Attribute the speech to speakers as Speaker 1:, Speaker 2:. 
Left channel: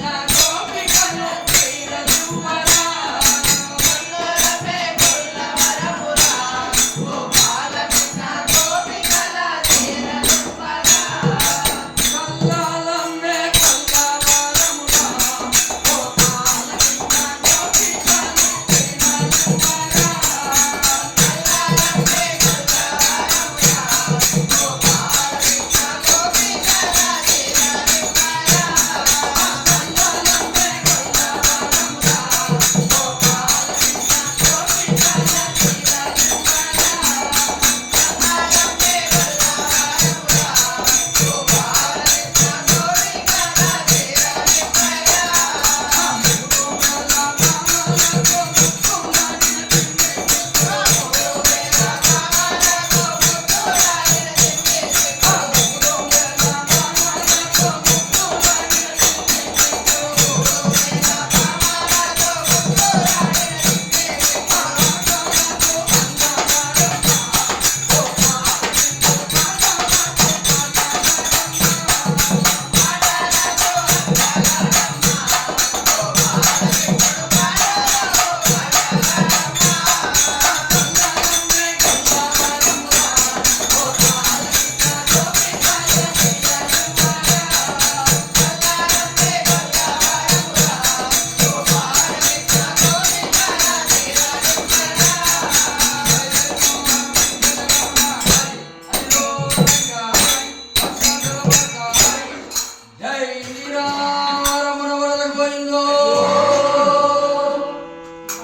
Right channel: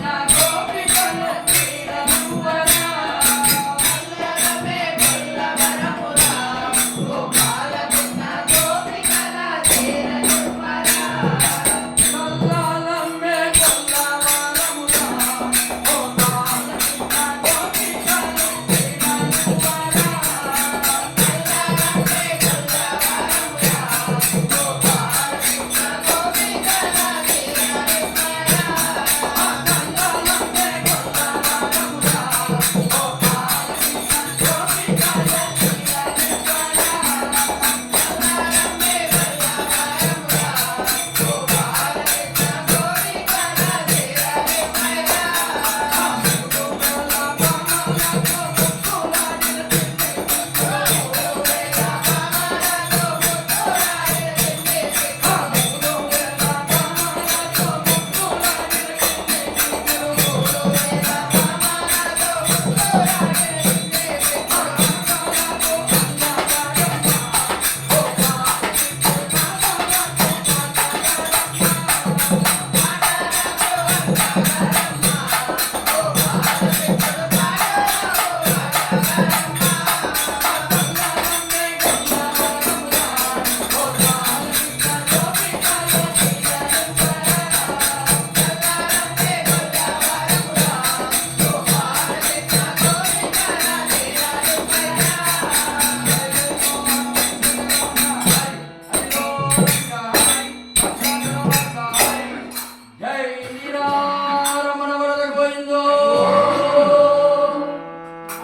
Speaker 1: last.